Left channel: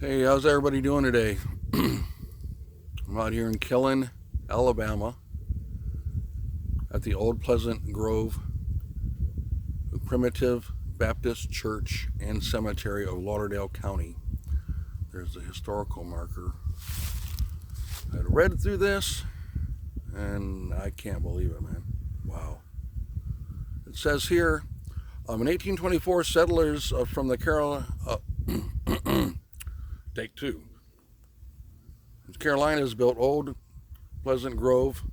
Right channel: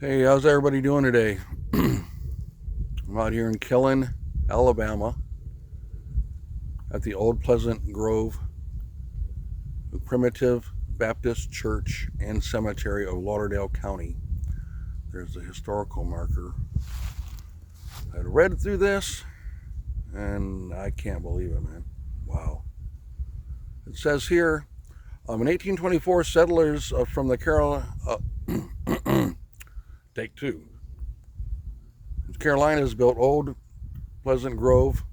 Hey, how's everybody doing today? I'm out here in Killen, Alabama, at the Old Pleasant Grove Primitive Baptist Church and Cemetery of Lauderdale County. There's the historical marker. I read through this, and I can't believe it, man. Wow. It says here, in 1824, settlers from the take two. Carolinas built Old Pleasant Grove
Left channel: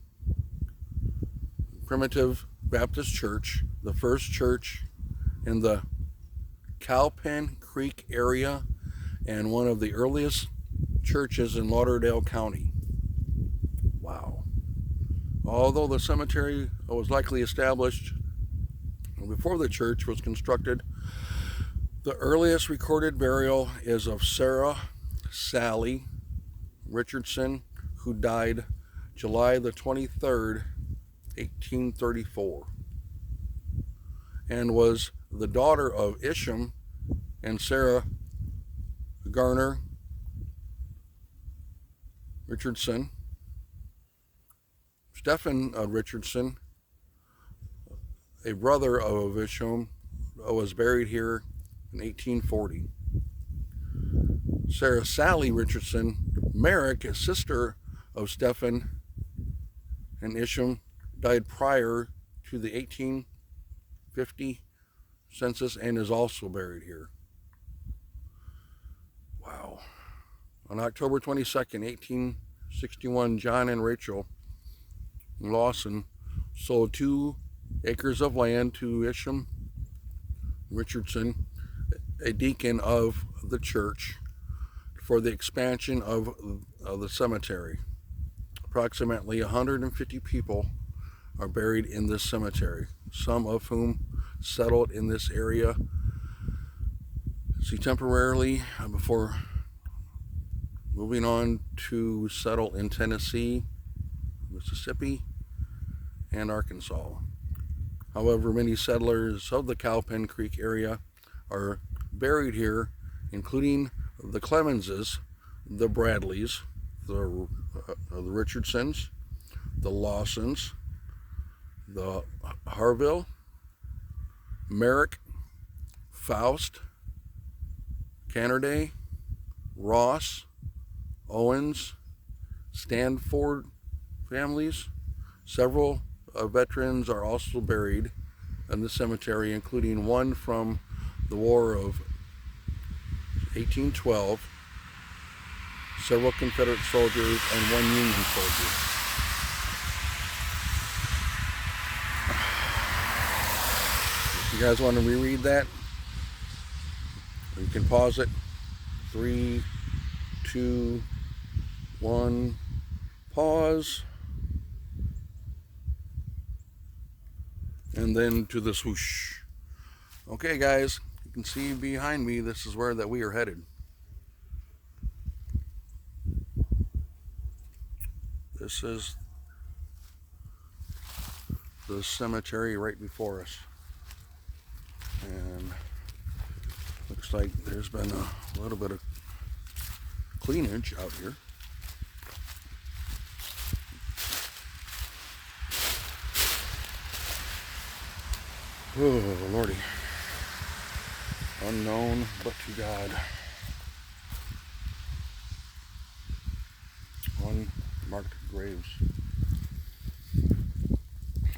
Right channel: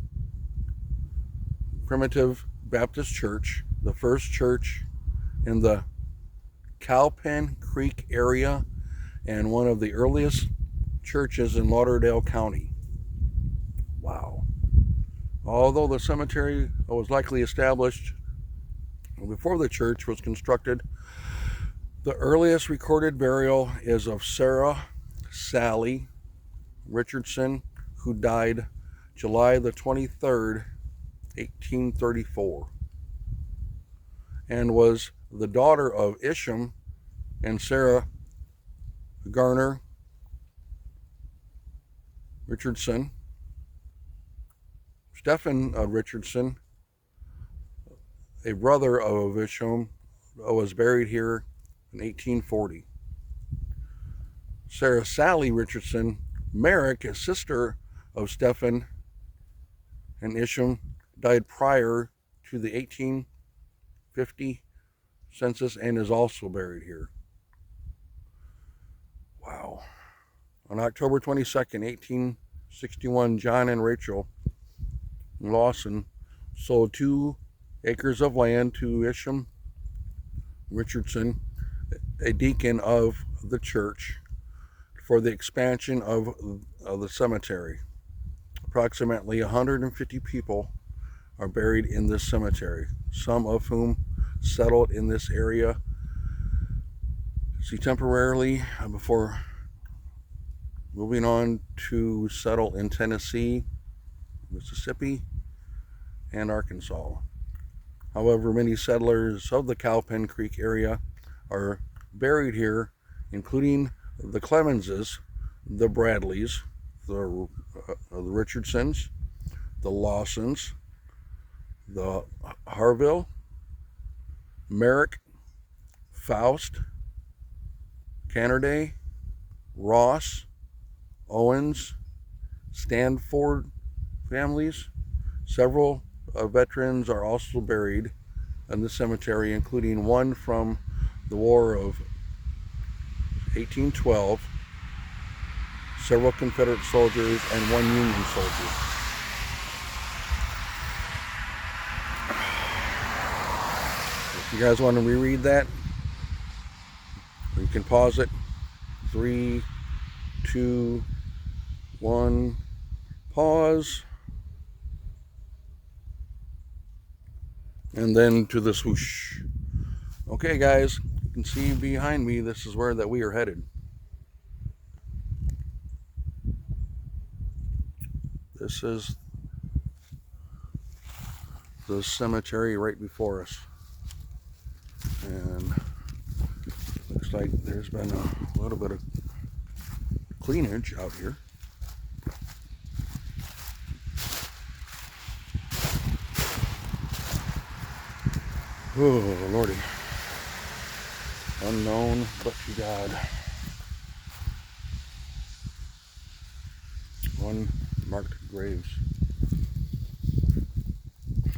Primitive Baptist Church, the first church in the Cowpen Creek area and one of the earliest churches in Lauderdale County. Wow. Although the cemetery was likely established before the church was constructed, the earliest recorded burial is of Sarah Sally Richardson, who died July the 23rd, 1834, and was the daughter of Isham and Sarah Garner Richardson. Stephen Richardson, a brother of Isham, was buried here in 1840. Sarah Sally Richardson Merrick, a sister of Stephen and Isham, died prior to the 1850 census and is also buried here. Wow. On October 22nd, 1861, John and Rachel Lawson sold 2 acres of land to Isham Richardson, a deacon of the church, for the expansion of the cemetery. Approximately 150 people are buried in this cemetery, some of whom settled in this area temporarily before moving on to settle in Tennessee, Mississippi, and Arkansas. However, many settlers of the Cowpen Creek area are buried here, including the Clemenses, the Bradleys, the Richardsons, the Lawsons, the Harville, Merrick, Faust, Canarday, Ross, Owens, Stanford families. Several veterans are also buried in the cemetery, including one from the War of 1812, several Confederate soldiers, and one Union soldier. If you guys want to reread that, you can pause it. 3, 2, 1, pause. And then to the swoosh. Okay, guys, you can see behind me, this is where that we are headed. This is the cemetery right before us. And looks like there's been a little bit of cleanage out here. Oh, Lordy. Unknown but to God. Unmarked graves.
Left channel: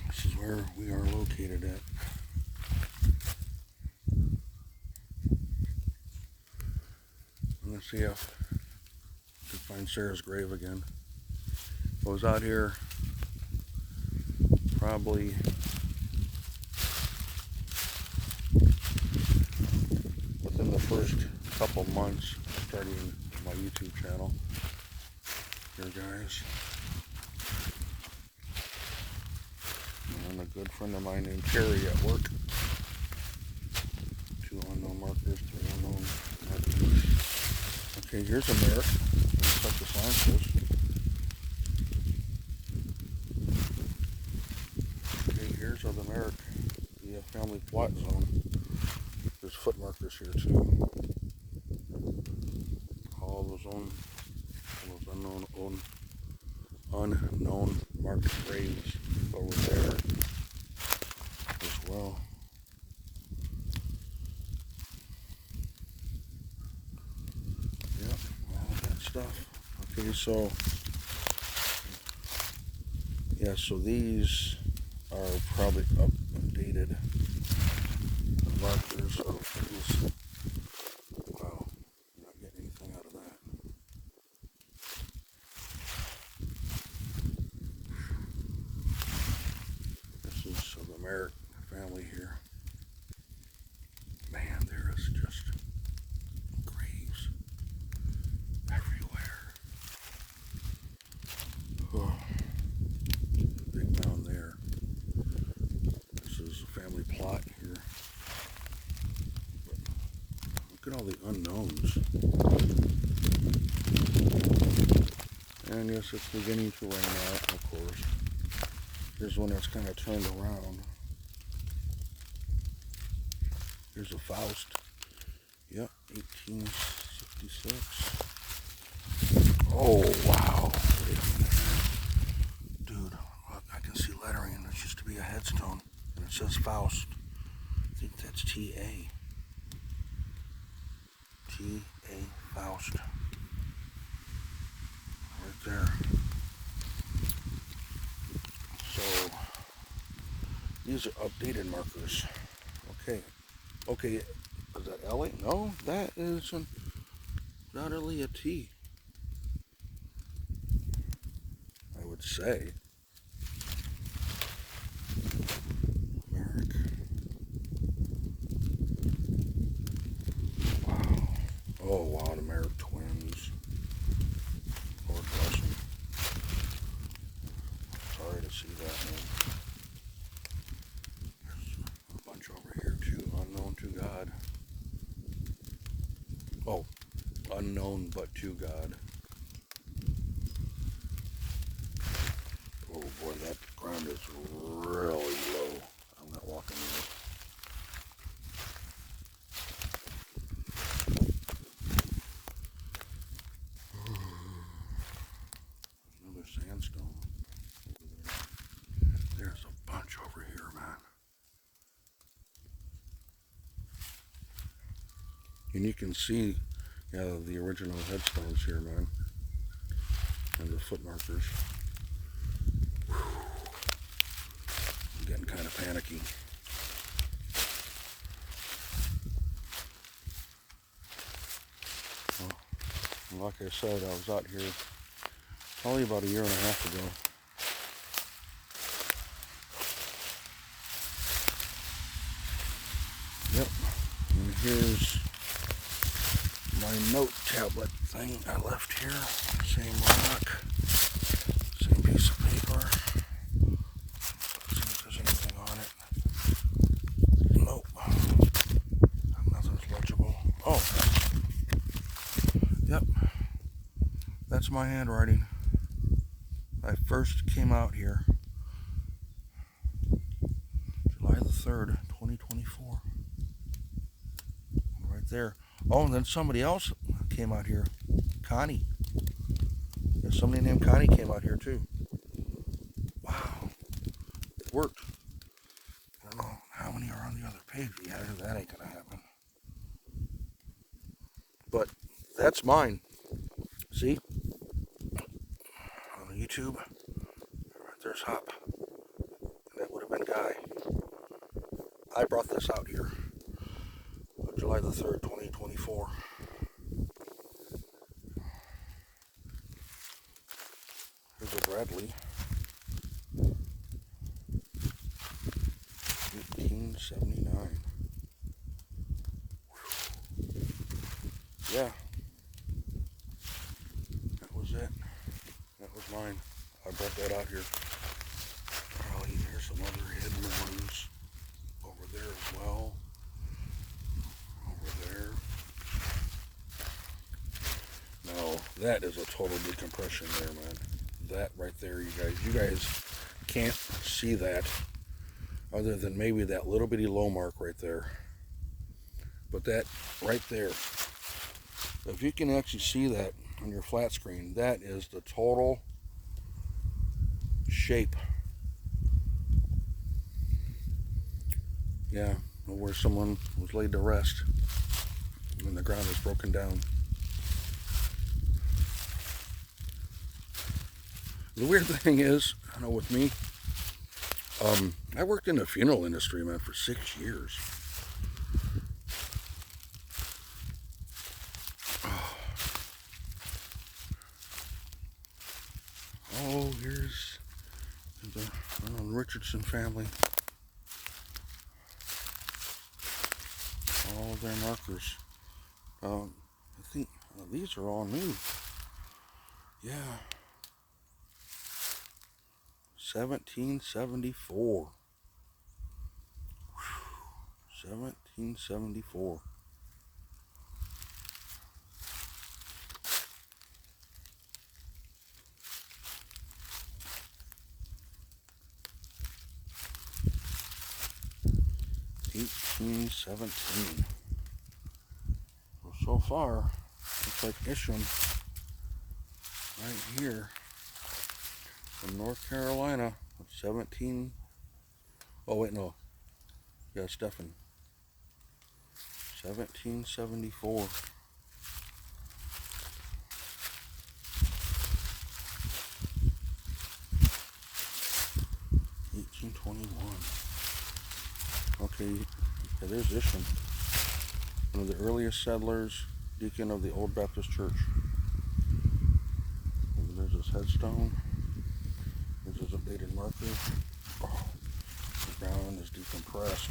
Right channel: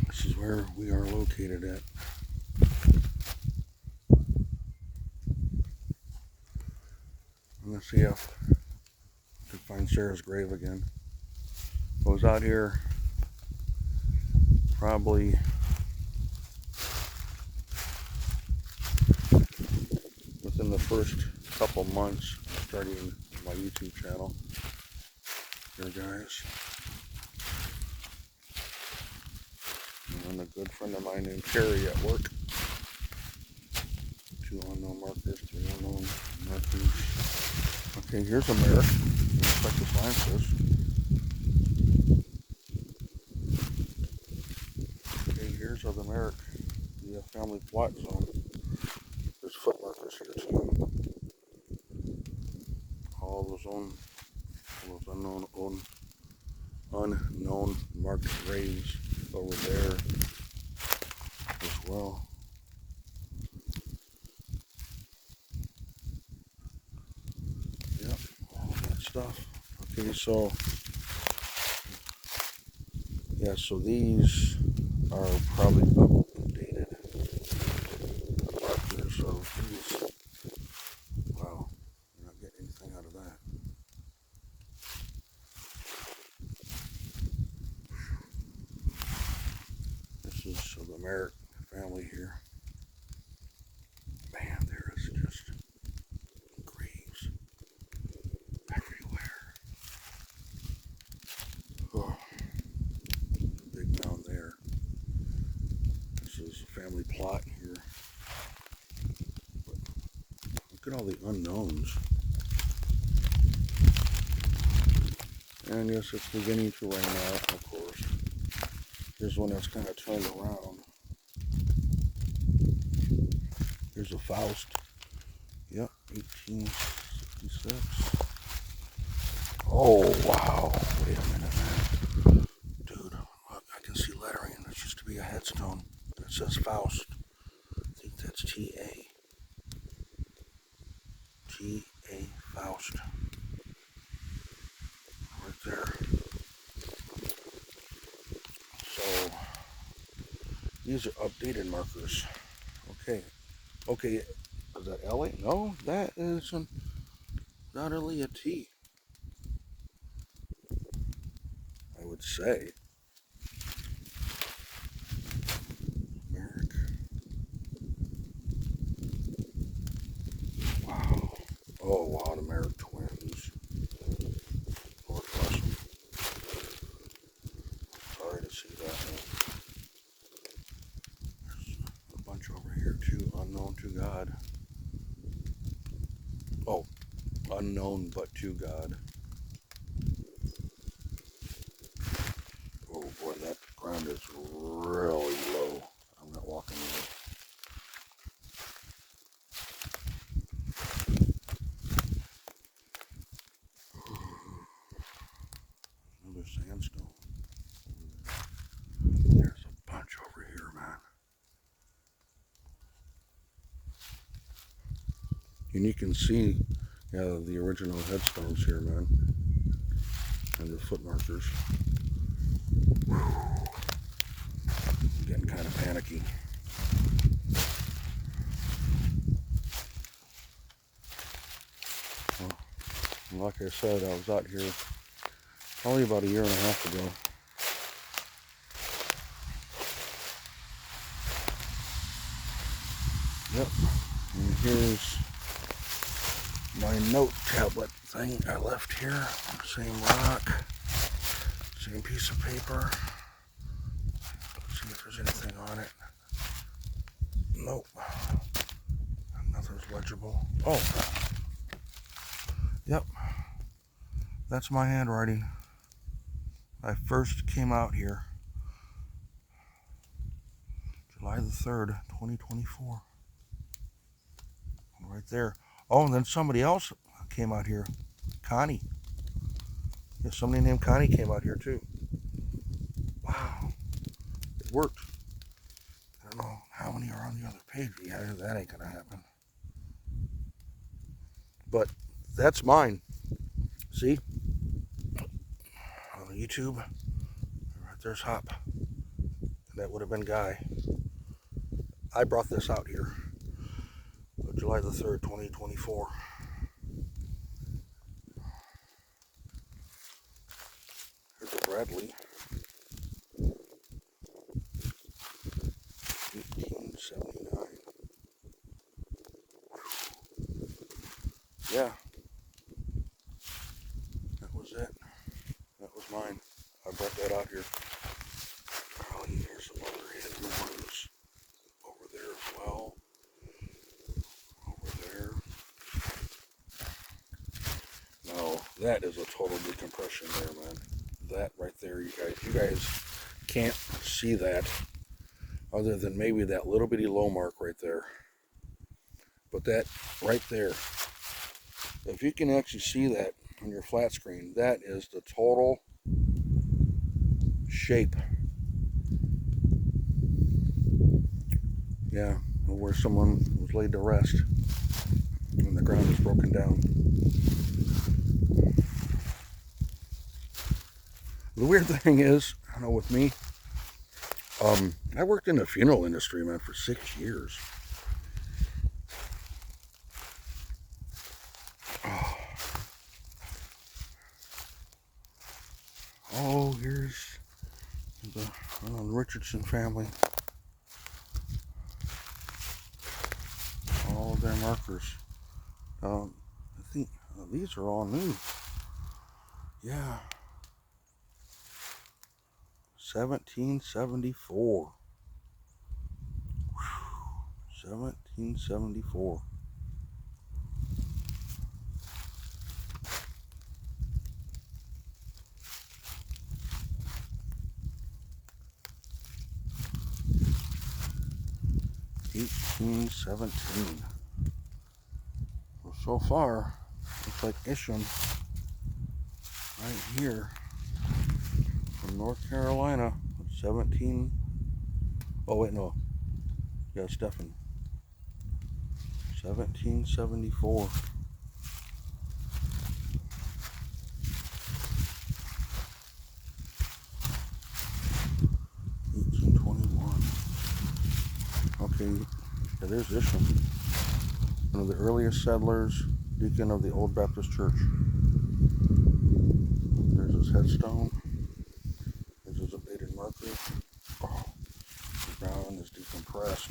This is where we are located at. Let's see if I can find Sarah's grave again. I was out here probably within the first couple months starting my YouTube channel. Here, guys. And a good friend of mine named Terry at work. 2 unknown markers, 3 unknown markers. Okay, here's a Merrick. Looks like the sign says. Okay, here's the Merrick, the family plot zone. There's foot markers here too. all those unknown marked graves over there as well. Yep, all that stuff. Okay, so yeah, so these are probably updated markers of these. Wow, you're not getting anything out of that. This is the Merrick family here. Man, there is just graves everywhere. Oh, big mound there. This is a family plot here. But look at all the unknowns. And yes, it's beginning to rain out, of course. Here's one that's kind of turned around. Here's a Faust. Yep, 1866. Oh, wow. Wait a minute, man. Dude, look, I can see lettering, and this used to be a headstone. And it says Faust. I think that's T.A. T.A. Faust. Right there. So, these are updated markers. Okay. Okay, is that LA? No, that is not really a T. I would say. Merrick. Wow. Oh, wow, the Merrick twins. Lord bless them. Sorry to see that, man. There's a bunch over here, too. Unknown to God. Oh, unknown but to God. Oh, boy, that ground is really low. I'm not walking there. Another sandstone over there. There's a bunch over here, man. And you can see, yeah, the original headstones here, man. And the foot markers. Whew. I'm getting kind of panicky. Well, like I said, I was out here probably about a year and a half ago. Yep, and here's my note tablet thing I left here. Same rock, same piece of paper. Let's see if there's anything on it. Nope, nothing's legible. Oh, yep, that's my handwriting. I first came out here July the 3rd, 2024. Right there. Oh, and then somebody else came out here. Connie. Yeah, somebody named Connie came out here too. Wow. It worked. I don't know how many are on the other page. Yeah, that ain't gonna happen. But that's mine. See? On YouTube. Right there's Hop. That would have been Guy. I brought this out here. July the 3rd, 2024. Here's a Bradley. 1879. Yeah. That was it. That was mine. I brought that out here. Oh, and there's some other hidden ones over there as well. Over there. No, that is a total decompression there, man. That right there, you guys can't see that other than maybe that little bitty low mark right there. But that right there If you can actually see that on your flat screen, that is the total shape. Yeah, where someone was laid to rest when the ground is broken down. The weird thing is, I know with me, I worked in the funeral industry, man, for 6 years. Oh, here's the Richardson family. All of their markers. I think these are all new. Yeah. 1774. 1774. $18.17. Well, so far, looks like Isham, right here, from North Carolina, 17. Oh wait, no. Yeah, Stephen. 1774. 1821. Okay, yeah, there's Isham. One of the earliest settlers, deacon of the Old Baptist Church. There's his headstone. There's his updated marker. Oh, the ground is decompressed.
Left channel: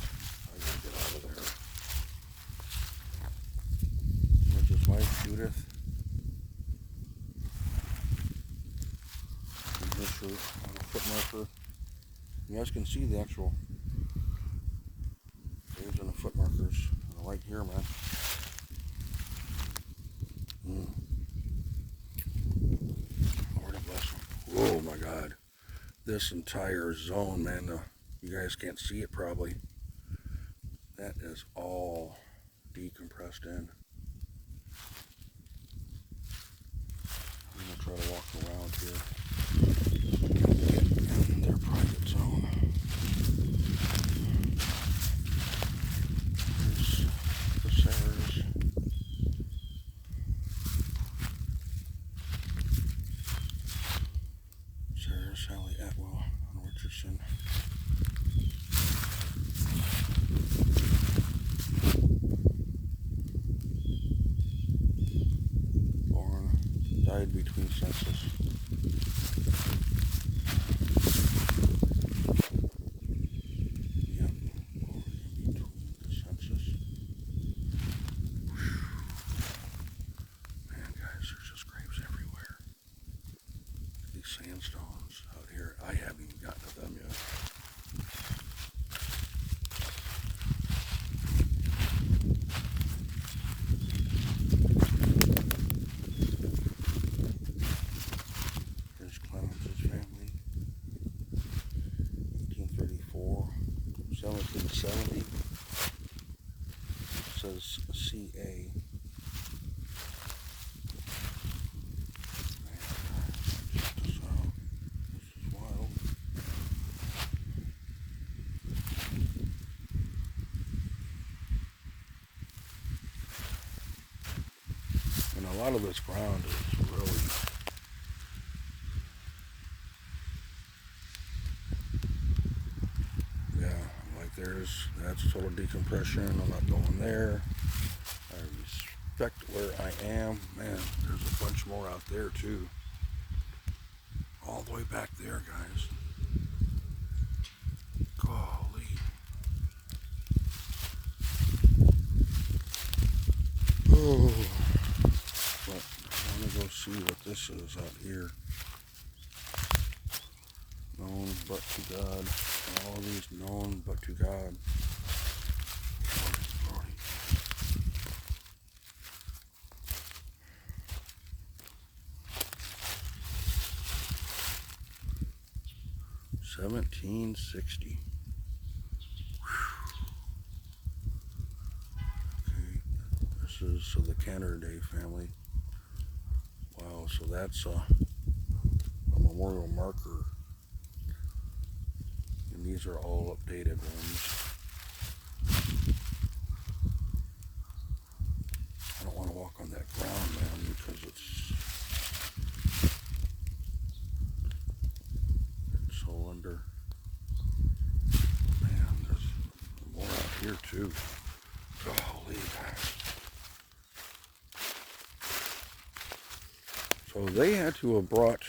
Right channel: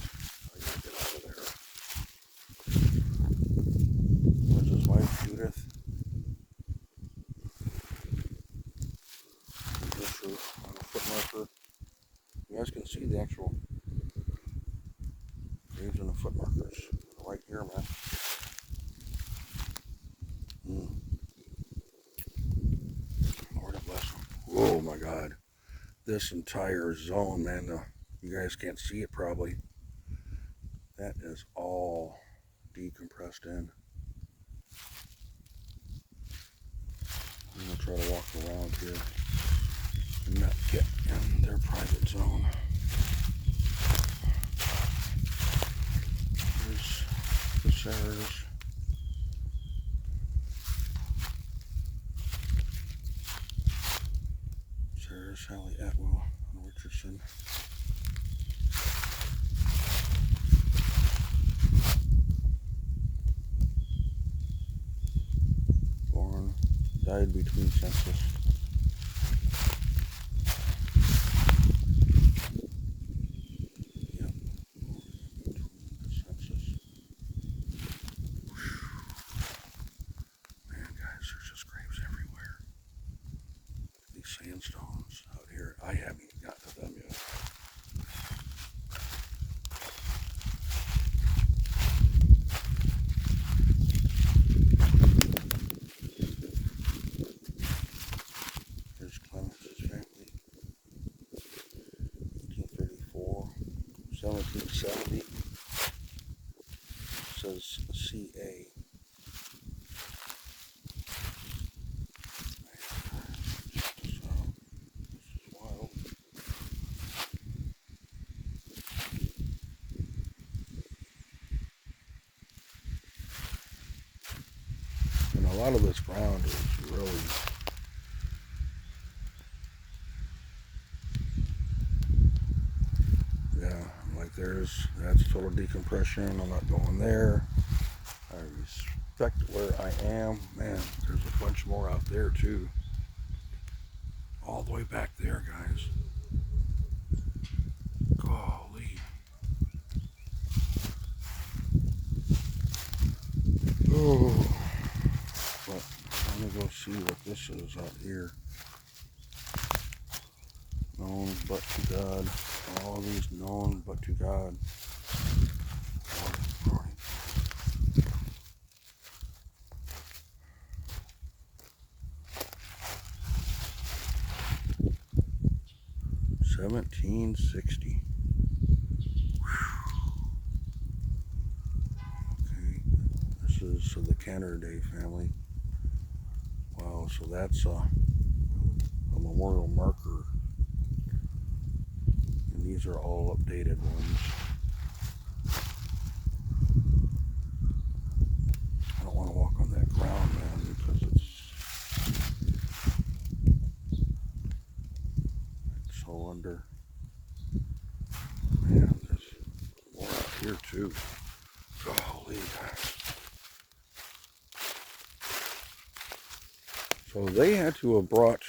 I gotta get out of there. There's his wife, Judith. There's his shirt on a foot marker. You guys can see the actual graves and the foot markers right here, man. Lord bless him. Oh my God. This entire zone, man, you guys can't see it probably. That is all decompressed in. I'm gonna try to walk around here and get in their private zone. There's the Sarahs. Sarah, Sally Atwell, and Richardson. Born, died between census. Yep, between the census. Man, guys, there's just graves everywhere. These sandstones out here, I haven't even gotten to them yet. Here's Clemence's family. 1834, 1770. It says CA. And a lot of this ground is really, yeah, like that's total decompression. I'm not going there. I respect where I am. Man, there's a bunch more out there too. All the way back there, guys. Golly. Oh. But I'm gonna go see what this is out here. Known but to God. All these known but to God. 1760. Okay, this condolences to the Canterday family. Wow, so that's a memorial marker. And these are all updated ones. I don't want to walk on that ground, man, because it's so under. Man, there's more out here too. Golly, guys. So they had to have brought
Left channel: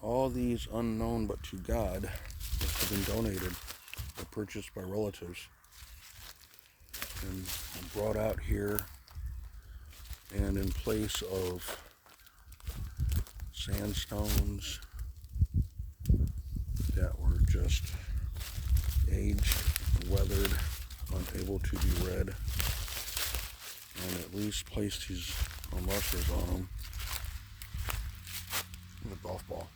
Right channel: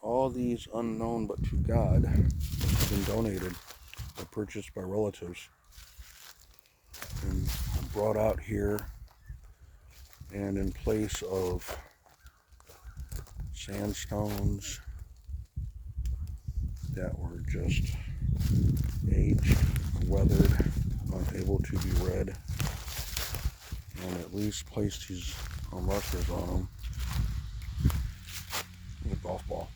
all these unknown but to God have been donated or purchased by relatives and brought out here, and in place of sandstones that were just aged, weathered, unable to be read, and at least placed these markers on them with a golf ball.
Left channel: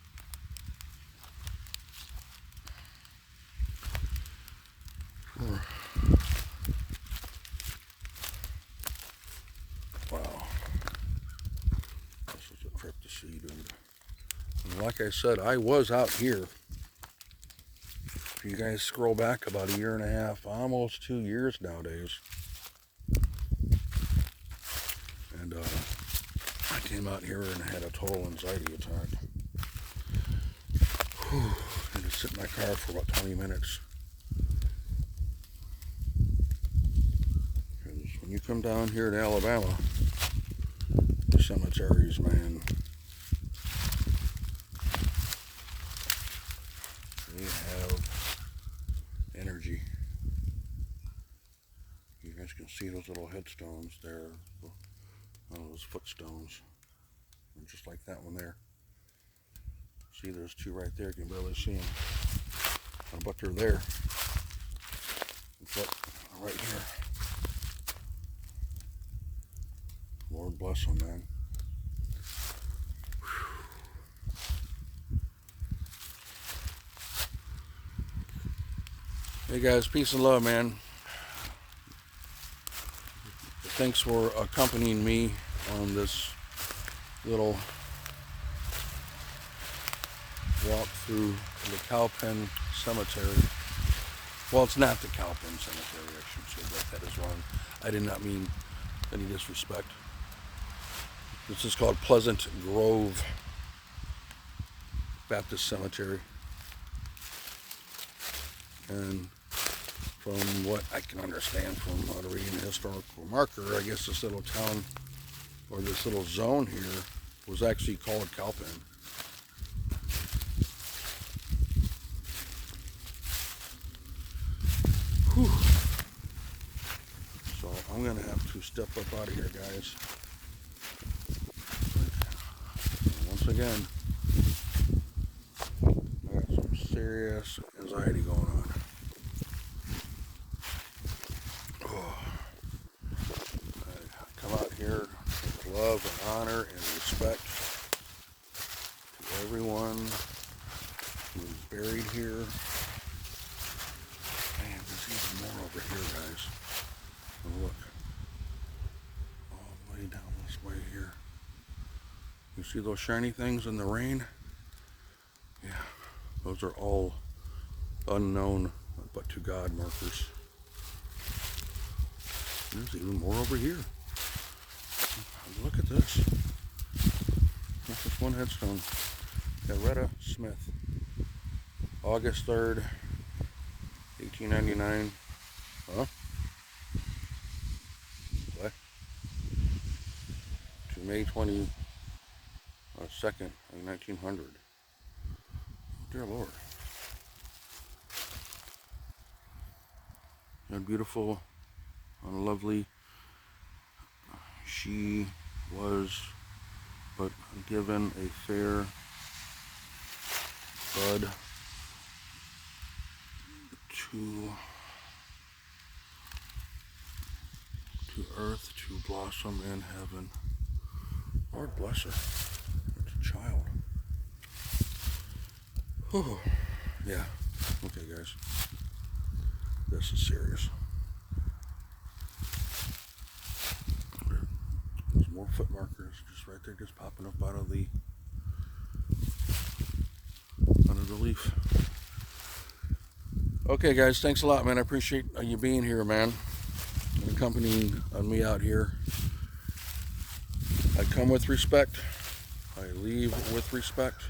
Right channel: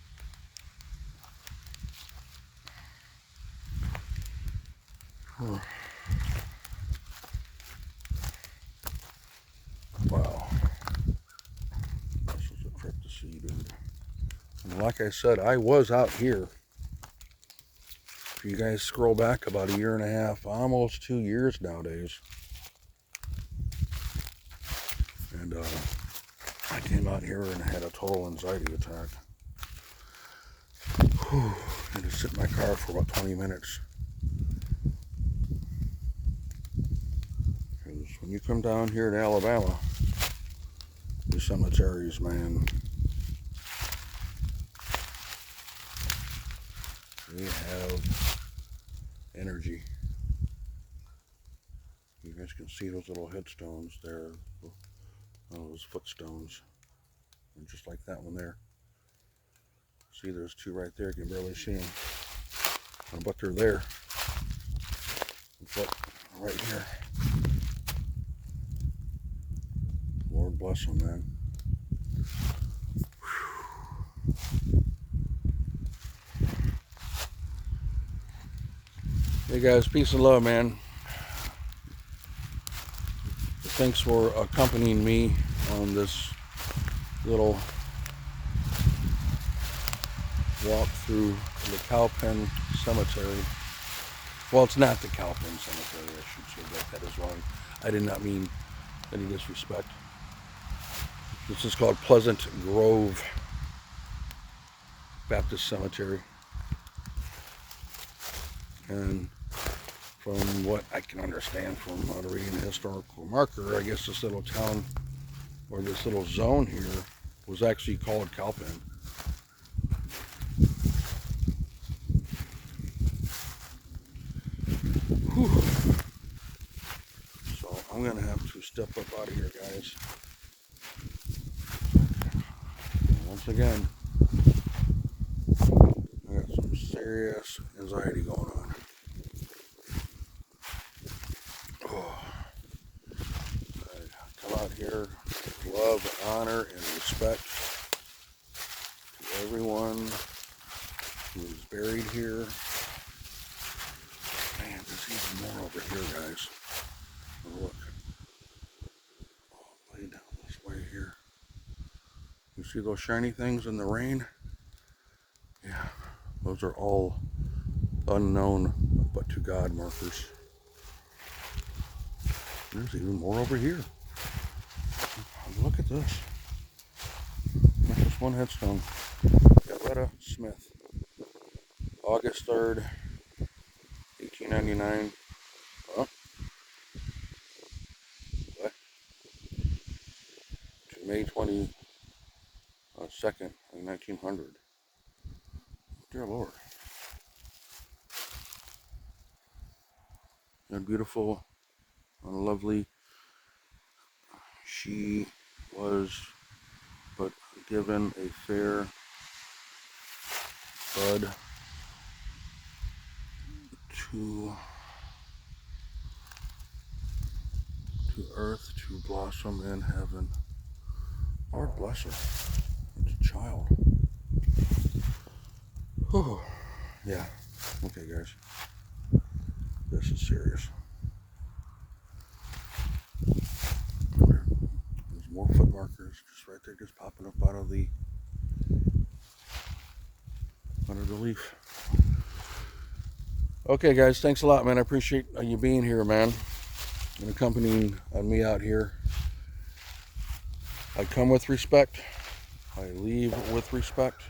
Wow. This was a trip to see, dude. And like I said, I was out here. If you guys scroll back about a year and a half, almost 2 years nowadays. And I came out here and had a total anxiety attack. Whew. I had to sit in my car for about 20 minutes. Because when you come down here to Alabama, the cemeteries, man, they have energy. You guys can see those little headstones there, those footstones. And just like that one there. See, there's two right there. You can barely see them. But they're there. But right here. Lord bless them, man. Hey guys, peace and love, man. Thanks for accompanying me on this little walk through the Cowpen Cemetery. Well, it's not the Cowpen Cemetery, I should say that. That is wrong. I did not mean any disrespect. This is called Pleasant Grove Baptist Cemetery. And from what I can understand from reading the historical marker, I guess this little town, or this little zone here, was actually called Cowpen. Whew. So I'm going to have to step up out of here, guys. Once again, I got some serious anxiety going on. Oh. I come out here with love, honor, and respect to everyone who's buried here. Man, there's even more over here, guys. Oh, look. All the way down this way here. You see those shiny things in the rain? Yeah, those are all unknown but to God markers. There's even more over here. Look at this. Look at this one headstone. Loretta Smith. August 3rd, 1899. Huh? What? To May 22nd, 1900. Dear Lord. And beautiful and lovely. She was but given a fair bud to earth to blossom in heaven. Lord bless her. It's a child. Whew. Yeah. Okay, guys. This is serious. more foot markers just right there, just popping up out of the leaf. Okay, guys, thanks a lot, man. I appreciate you being here, man, and accompanying me out here. I come with respect. I leave with respect.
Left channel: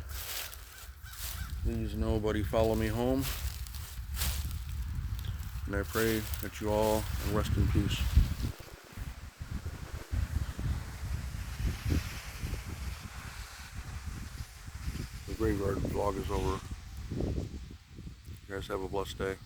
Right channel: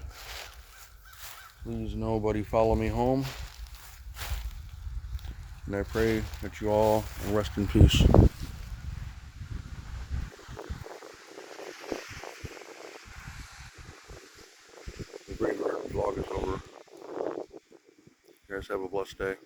Please, nobody follow me home. And I pray that you all rest in peace. The Green Garden vlog is over. You guys have a blessed day.